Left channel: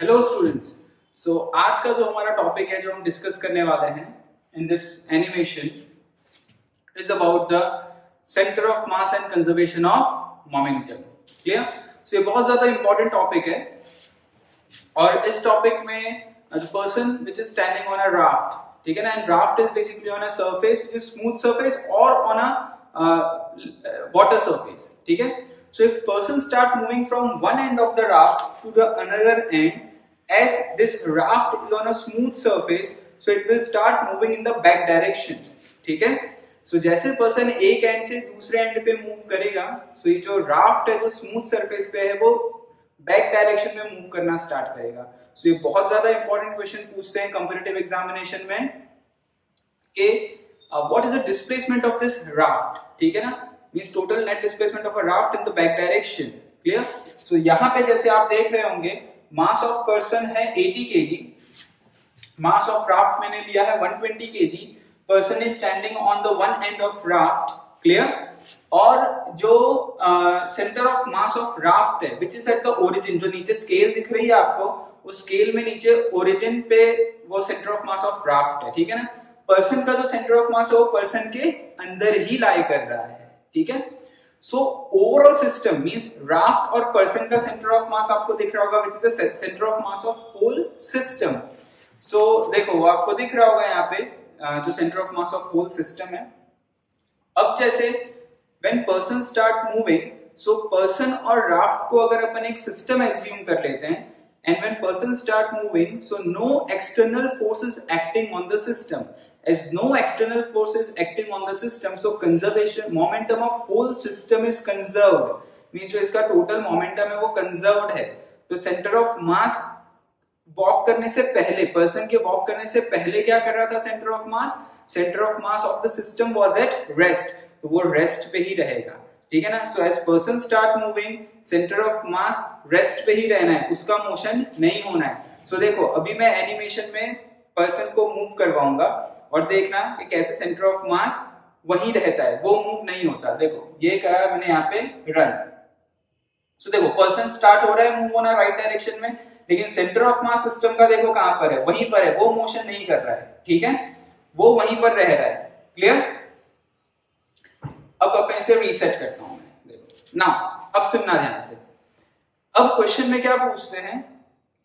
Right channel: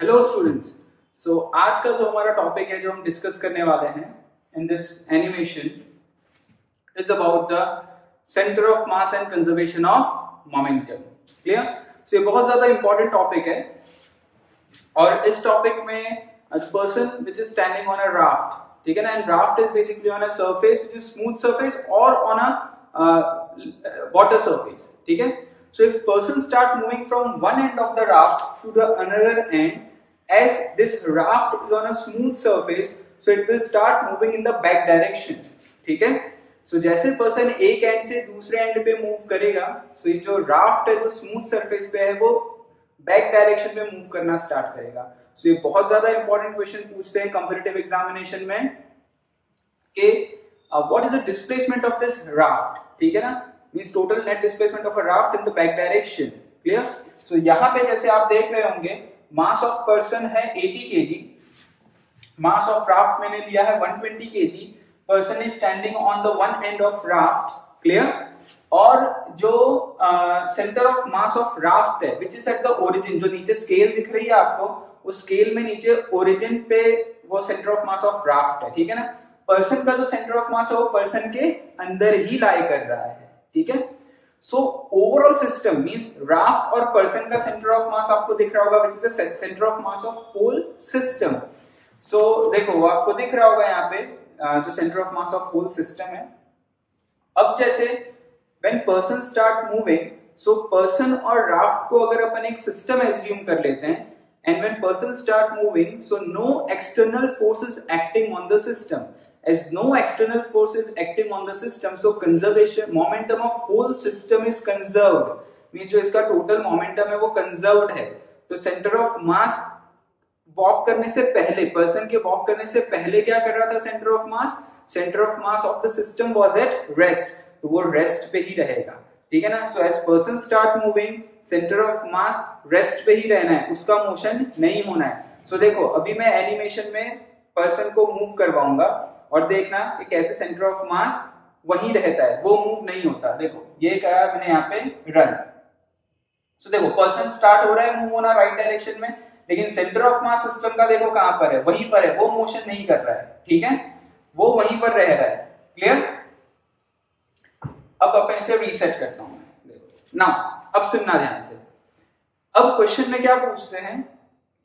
Hello students. सो आज का जो हमारा टॉपिक है जो हम डिस्कस करने वाले हैं in this animation is about the centre of mass and conservation of momentum. Clear? So ये बहुत ज्यादा इंपॉर्टेंट टॉपिक है और इस टॉपिक में person which is standing on a raft, ठीक है ना, and raft is basically on a surface which is smooth surface और ऑन अ वाटर सरफेस, ठीक है। So if person start moving from one end of the raft to the another end, as this raft is on a smooth surface, so it will start moving in the back direction, ठीक है। So जैसे person एक end से दूसरे end पे move करेगा, so ये जो raft है जो smooth surface पे है वो back direction में move करना start करेगा। So ये बहुत ज्यादा important question पूछते हैं competitive examination में कि what is the displacement of this raft, ठीक है ना, means total net displacement of a raft in the back direction. Clear? So यहाँ पे जैसे आप देख रहे होंगे mass of person है 80 kg, mass of raft मैंने लिया है 120 kg, person is standing on the one end of raft. Clear? और जो center of mass of raft है which is at the origin, जो नीचे scale दिख रही है आपको, उस scale में नीचे origin पे वो center of mass of raft है, ठीक है ना। पर्सन का जो सेंटर ऑफ मास है वो पर्सन के अंदर ही लाई कर रहा है, ठीक है। So overall system means raft और पर्सन का सेंटर ऑफ मास आपको दिख रहा होगा which is the centre of mass of whole system. So देखो आपको दिख रहा होगा यहाँ पे जो centre of mass of whole system है। अब जैसे when person start moving, so person और राफ्ट को अगर अपन एक सिस्टम एज्यूम कर लेते हैं, and when person start moving, so no external force is acting on the system. As no external force is acting on the system, so conservation momentum of whole system is conserved. Means जो इसका total momentum है वो conserved है। तो center of mass walk करने से पहले, person के walk करने से पहले क्या कर रहा था center of mass? Center of mass of the system was at rest. तो वो rest पे ही रहेगा, ठीक है ना। So as person start moving, centre of mass rest पे ही रहना है, उसका मोशन नहीं होना है। सो देखो अभी मैं एनिमेशन में पर्सन को मूव करवाऊंगा और देखना कि कैसे सेंटर ऑफ मास वहीं रहता है, वो मूव नहीं होता। देखो ये करा मैंने यहाँ पे रन। सो देखो पर्सन स्टार्ट हो रहा है मूव होना राइट डायरेक्शन में, लेकिन सेंटर ऑफ मास सिस्टम का देखो कहां पर है, वहीं पर है, वो मोशन नहीं कर रहा है, ठीक है, वो वहीं पर रह रहा है। क्लियर? अब अपन इसे रीसेट करता हूं मैं। नाउ अब सुनना ध्यान से। अब क्वेश्चन में क्या पूछते हैं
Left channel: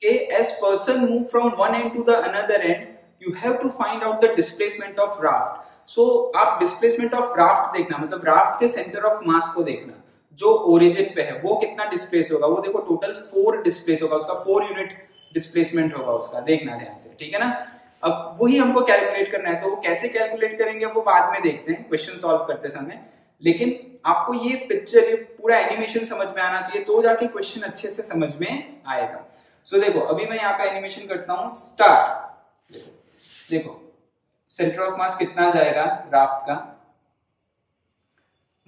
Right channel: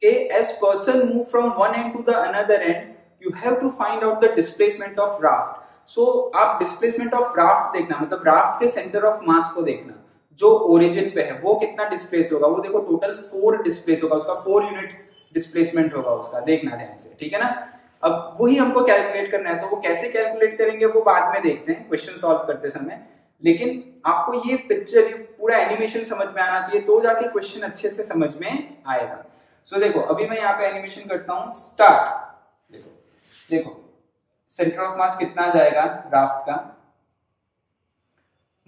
कि as person move from one end to the another end, you have to find out the displacement of raft. So आप डिस्प्लेसमेंट ऑफ राफ्ट देखना, मतलब राफ्ट के सेंटर ऑफ मास को देखना, जो ओरिजिन पे है वो कितना डिस्प्लेस होगा। वो देखो टोटल 4 डिस्प्लेस होगा, उसका 4 यूनिट डिस्प्लेसमेंट होगा उसका, देखना ध्यान से, ठीक है ना। अब वही हमको कैलकुलेट करना है, तो वो कैसे कैलकुलेट करेंगे वो बाद में देखते हैं क्वेश्चन सॉल्व करते समय। लेकिन आपको ये पिक्चर, ये पूरा एनिमेशन समझ में आना चाहिए, तो जाके क्वेश्चन अच्छे से समझ में आएगा। सो देखो अभी मैं यहाँ पे एनिमेशन करता हूँ स्टार्ट। देखो सेंटर ऑफ मास कितना जाएगा राफ्ट का,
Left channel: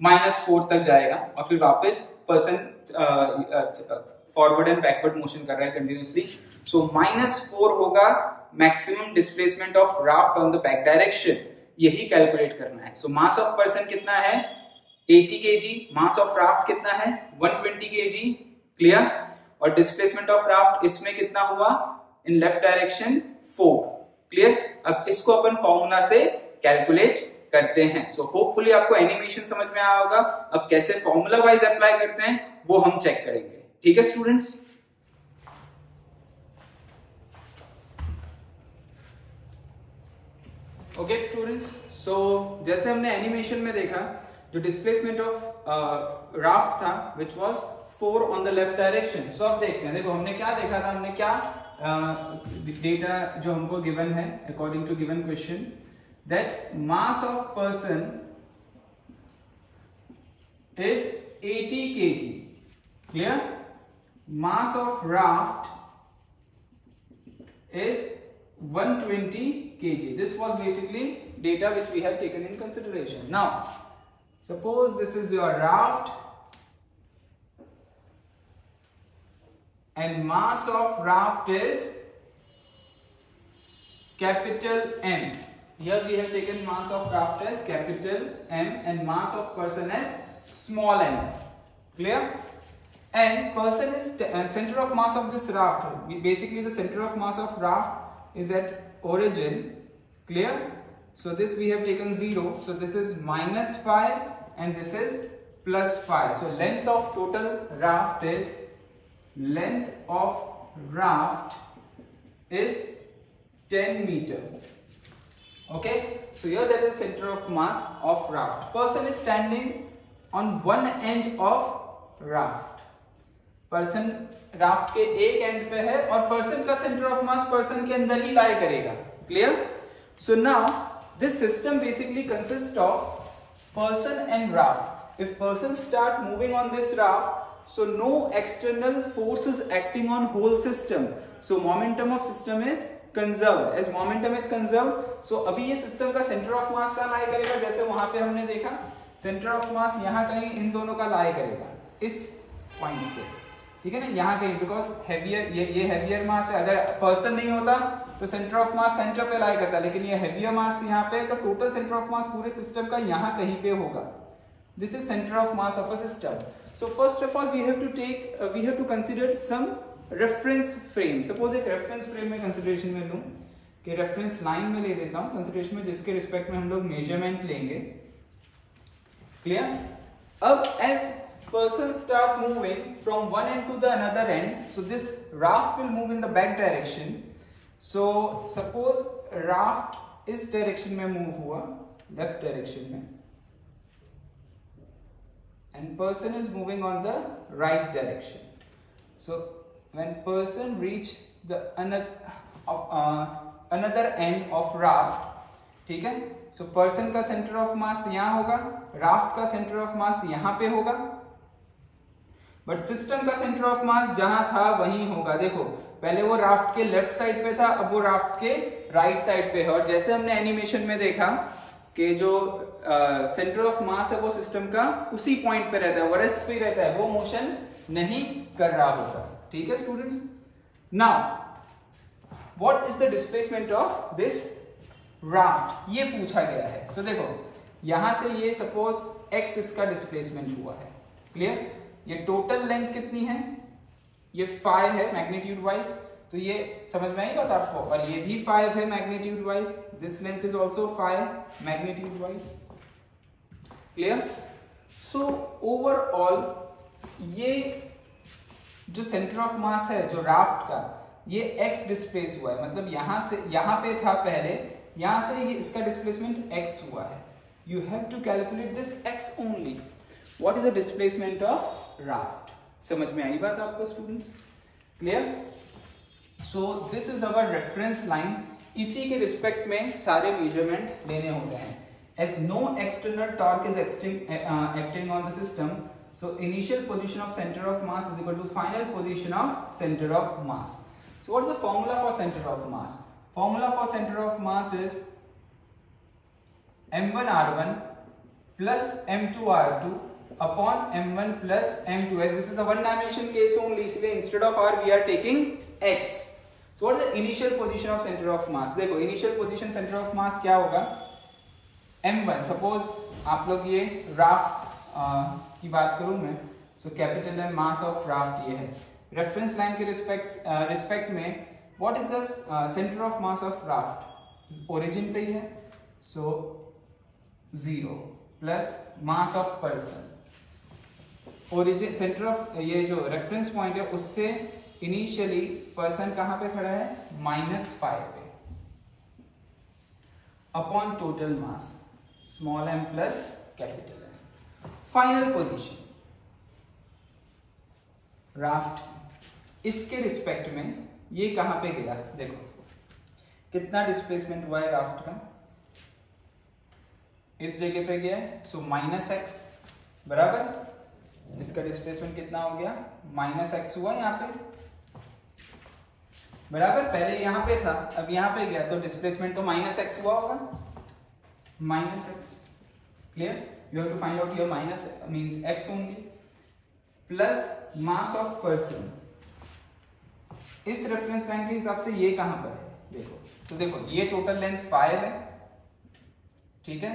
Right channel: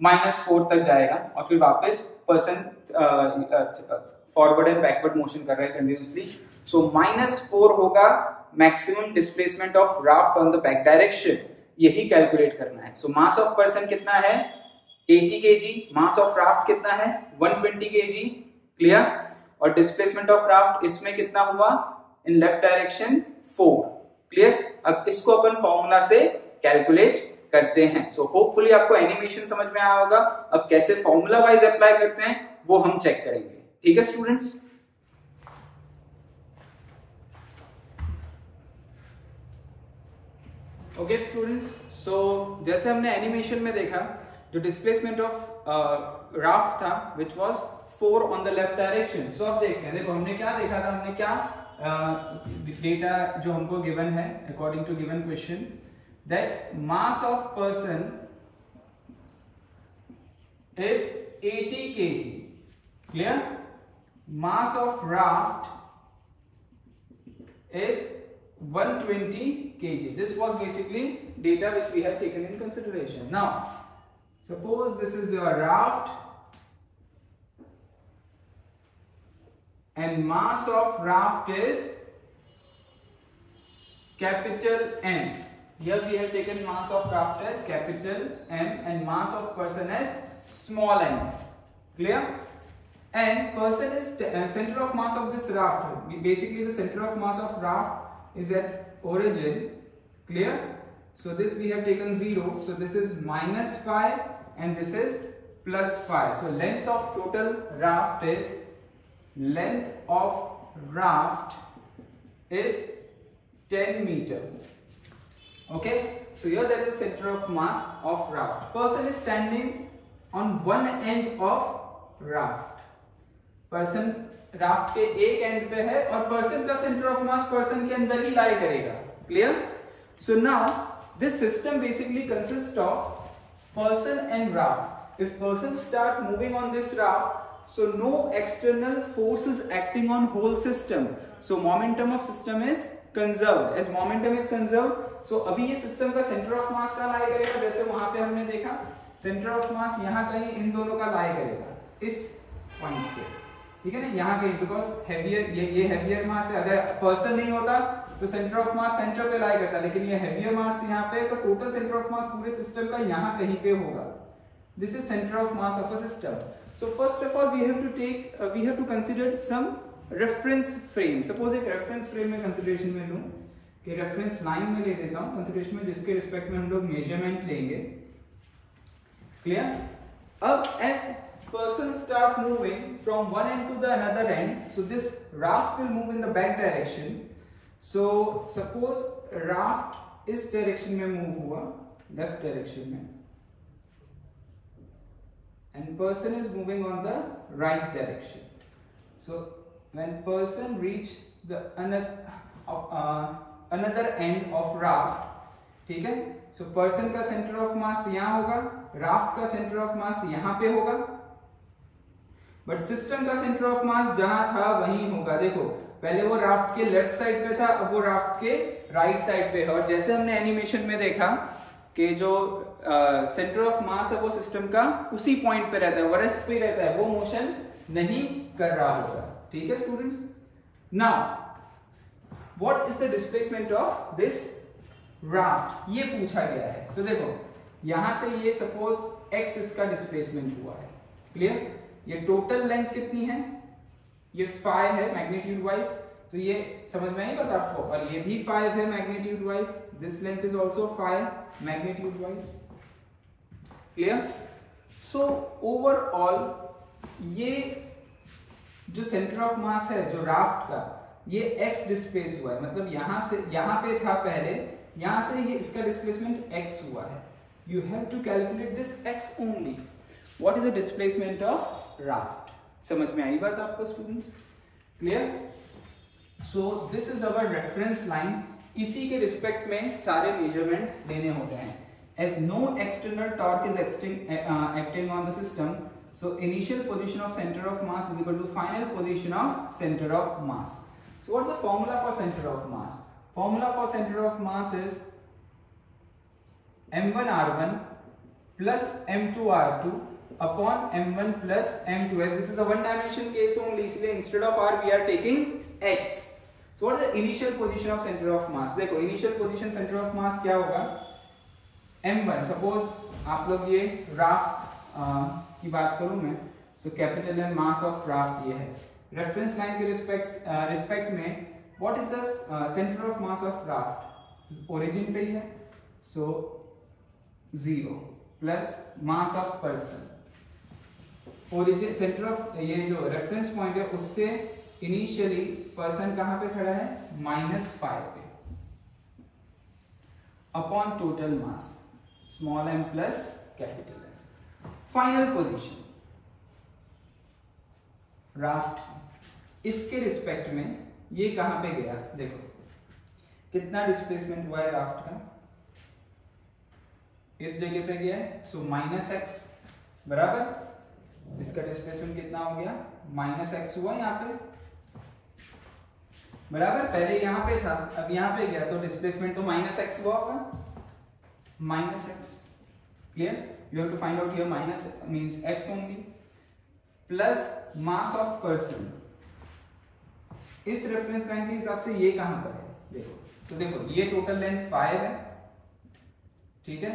-4 तक जाएगा और फिर वापस person forward and backward motion कर रहा है कंटिन्यूसली। सो -4 होगा maximum displacement of raft on the back direction, यही कैलकुलेट करना है। सो मास ऑफ पर्सन कितना है 80 kg, मास ऑफ राफ्ट कितना है 120 kg। क्लियर? और डिस्प्लेसमेंट ऑफ राफ्ट इसमें कितना हुआ इन लेफ्ट डायरेक्शन 4। क्लियर? अब इसको अपन फॉर्मूला से कैलकुलेट करते हैं। सो होपफुली आपको एनिमेशन समझ में आया होगा। अब कैसे फॉर्मूला वाइज अप्लाई करते हैं वो हम चेक करेंगे, ठीक है स्टूडेंट्स। ओके स्टूडेंट्स, सो जैसे हमने एनिमेशन में देखा जो डिस्प्लेसमेंट ऑफ राफ्ट था which was 4 on the left direction. So अब देखते हैं, देखो हमने क्या देखा था, हमने क्या डेटा जो हमको गिवन है according to given question, that mass of person is 80 kg। Clear? Mass of raft is 120 kg. This was basically data which we have taken in consideration. Now, suppose this is your raft and mass of raft is capital M. Here we have taken mass of raft as capital M and mass of person as small m. Clear? and person is center of mass of this raft. Basically the center of mass of raft is at origin. Clear? So this we have taken 0, so this is -5 and this is +5. So length of total raft is 10 meter. Okay, so here that is center of mass of raft. Person is standing on one end of raft. Person raft के एक and पे है और person का centre of mass person के अंदर ही lie करेगा. Clear? So now this system basically consist of person and raft. If person start moving on this raft, so no external forces acting on whole system, so momentum of system is conserved. As momentum is conserved, so अभी ये system का centre of मास कहां लाई करेगा? जैसे वहां पे हमने देखा सेंटर ऑफ मास यहां कहीं इन दोनों का लाई करेगा, इस पॉइंट पे. ठीक है ना, यहाँ कहीं, बिकॉज हैवियर ये हैवियर मास है. अगर पर्सन नहीं होता तो सेंटर ऑफ मास सेंटर पे लाई करता, लेकिन ये हैवियर मास यहाँ पे, तो टोटल सेंटर ऑफ मास पूरे सिस्टम का यहाँ कहीं पे होगा. This is centre of mass of a system. So first of all we have to consider some reference frame. Suppose एक रेफरेंस फ्रेम में कंसिडरेशन में लूं, कि रेफरेंस लाइन में ले लेता हूं कंसिडरेशन में, जिसके रिस्पेक्ट में हम लोग मेजरमेंट लेंगे. क्लियर? अब as person start moving from one end to the another end, so this raft will move in the back direction. So suppose raft इस डायरेक्शन में मूव हुआ, लेफ्ट डायरेक्शन में, and person is moving on the right direction. So when person reach the another end of raft, ठीक है, so person का centre of मास यहाँ होगा, raft का सेंटर ऑफ मास यहाँ पे होगा, बट सिस्टम का सेंटर ऑफ मास जहां था वहीं होगा. देखो पहले वो राफ्ट के लेफ्ट साइड पे था, अब वो राफ्ट के राइट साइड पे है. और जैसे हमने एनिमेशन में देखा कि जो सेंटर ऑफ मास है वो सिस्टम का उसी पॉइंट पे रहता है, वरेस्ट पे रहता है, वो मोशन नहीं कर रहा होगा. ठीक है students? Now what is the displacement of this raft, ये पूछा गया है. सो देखो यहां से ये सपोज x इसका डिस्प्लेसमेंट हुआ है. क्लियर? ये टोटल लेंथ कितनी है? ये 5 है मैग्नीट्यूड वाइज, तो ये समझ में आई बात आपको. और ये भी 5 है magnitude wise, this length is also 5 magnitude wise. Clear? So overall ये जो सेंटर ऑफ मास है जो राफ्ट का, ये x डिस्प्लेस हुआ है, मतलब यहां से यहां पे था पहले, यहां से ये इसका डिस्प्लेसमेंट x हुआ है. You have to calculate this x only. What is the displacement of raft? समझ में आई बात आपको students? Clear? So this is our reference line. इसी के रिस्पेक्ट में सारे मेजरमेंट लेने होते हैं. As no external torque is acting on the system, so initial position of centre of mass is equal to final position of centre of mass. So what is the formula for centre of mass? Formula for centre of mass is m1r1 plus m2r2 upon m1 plus m2. As this is a one dimension case only, इसलिए instead of r we are taking x. So what is the initial position of center of mass? देखो initial position center of mass क्या होगा? m1. Suppose आप लोग ये raft की बात करूं मैं, so capital M mass of raft ये है. रेफरेंस लाइन के रिस्पेक्ट में what is the center of mass of raft? origin पे ही है, so 0 plus mass of person. Origin centre of ये जो रेफरेंस पॉइंट है उससे इनिशियली पर्सन कहां पे खड़ा है? -5 पे, upon total mass small m plus capital M. Final position raft, इसके रिस्पेक्ट में ये कहां पे गया? देखो कितना डिस्प्लेसमेंट हुआ है राफ्ट का, इस जगह पे गया है, सो -x बराबर, इसका डिस्प्लेसमेंट कितना हो गया? -x हुआ यहाँ पे बराबर. पहले यहाँ पे था, अब यहाँ पे गया, तो डिस्प्लेसमेंट तो -x हुआ होगा, -x. Clear? You have to find out your minus means x only, plus mass of person. इस रेफरेंस लाइन के हिसाब से ये कहां पर है? देखो सो देखो ये टोटल लेंथ 5 है. ठीक है,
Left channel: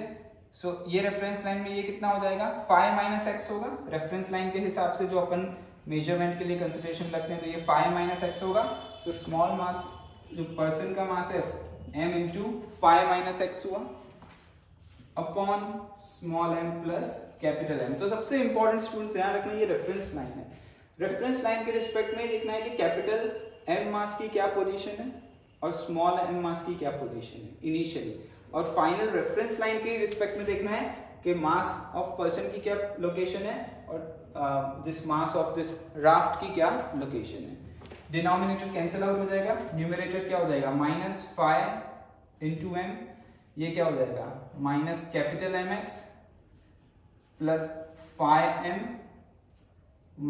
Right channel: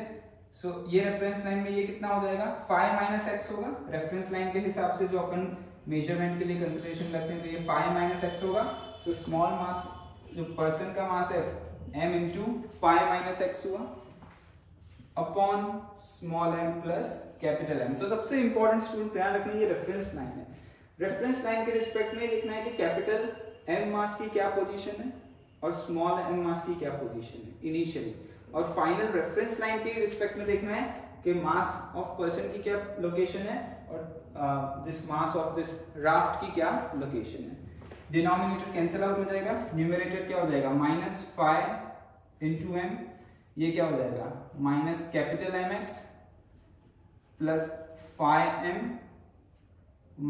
सो ये रेफरेंस लाइन में ये कितना हो जाएगा? 5 - x होगा. रेफरेंस लाइन के हिसाब से जो अपन मेजरमेंट के लिए कंसिडरेशन लगते हैं, तो ये 5 माइनस एक्स होगा। सो स्मॉल मास जो पर्सन का मास है m इंटू 5 माइनस एक्स हुआ upon small m plus capital M। सो सबसे इंपॉर्टेंट स्टूडेंट्स ध्यान रखना, ये रेफरेंस लाइन है। रेफरेंस लाइन के रिस्पेक्ट में देखना है कि कैपिटल M मास की क्या पोजीशन है और स्मॉल m मास की क्या पोजीशन है इनिशियली, और फाइनल रेफरेंस लाइन के रिस्पेक्ट में देखना है कि मास ऑफ पर्सन की क्या लोकेशन है और this mass of this raft की क्या लोकेशन है। डिनोमिनेटर कैंसिल आउट हो जाएगा, न्यूमरेटर क्या हो जाएगा -5 इंटू m, ये क्या हो जाएगा minus capital mx plus 5m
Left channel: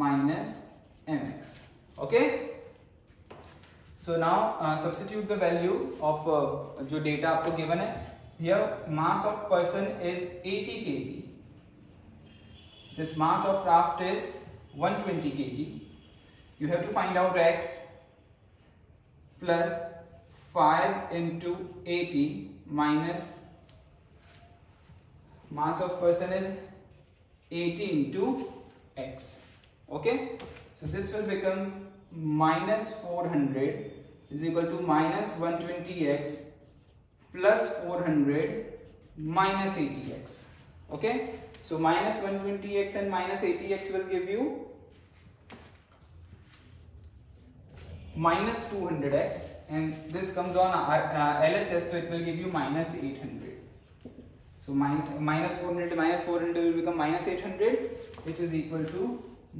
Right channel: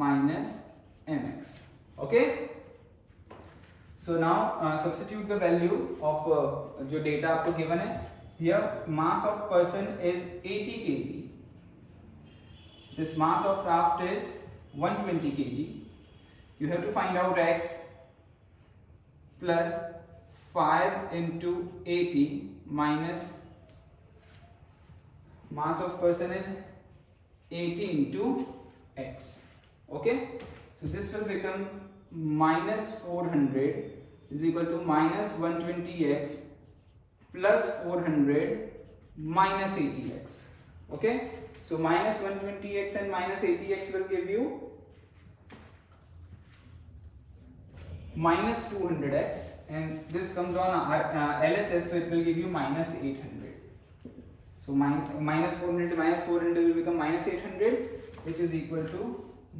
minus mx। Okay, so now substitute the value of जो डेटा आपको गिवन है। Here mass of person is 80 kg, this mass of raft is 120 kg। You have to find out x plus 5 into 80 minus mass of person is 80 into x. Okay, so this will become minus 400 is equal to minus 120x plus 400 minus 80x. Okay, so minus 120x and minus 80x will give you minus 200x, and this comes on LHS, so it will give you minus 800. So minus 400 to minus 400 will become minus 800, which is equal to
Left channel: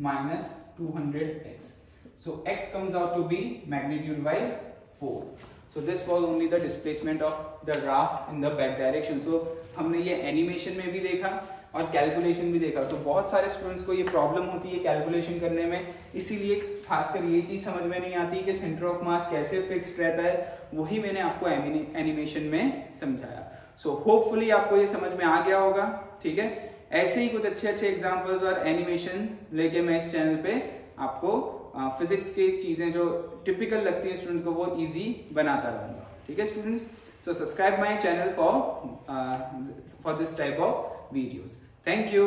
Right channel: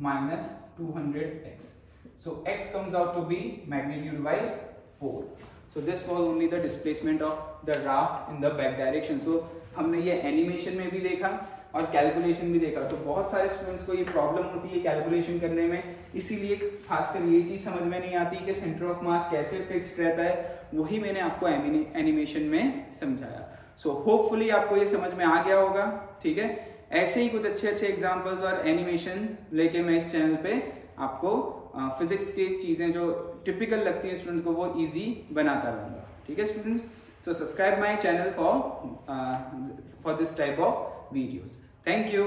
minus 200x. So x comes out to be magnitude wise 4. So this was only the displacement of the raft in the back direction. So हमने ये animation में भी देखा और calculation भी देखा। तो बहुत सारे स्टूडेंट्स को ये प्रॉब्लम होती है कैलकुलेशन करने में, इसीलिए खासकर ये चीज समझ में नहीं आती कि सेंटर ऑफ मास कैसे फिक्स्ड रहता है, वही मैंने आपको एनिमेशन में समझाया। सो होपफुली आपको ये समझ में आ गया होगा। ठीक है, ऐसे ही कुछ अच्छे अच्छे एग्जांपल्स और एनिमेशन लेके मैं इस चैनल पे आपको फिजिक्स की चीजें जो टिपिकल लगती हैं स्टूडेंट्स को वो इजी बनाता रहूंगा। ठीक है students, so subscribe my channel for this type of videos. Thank you.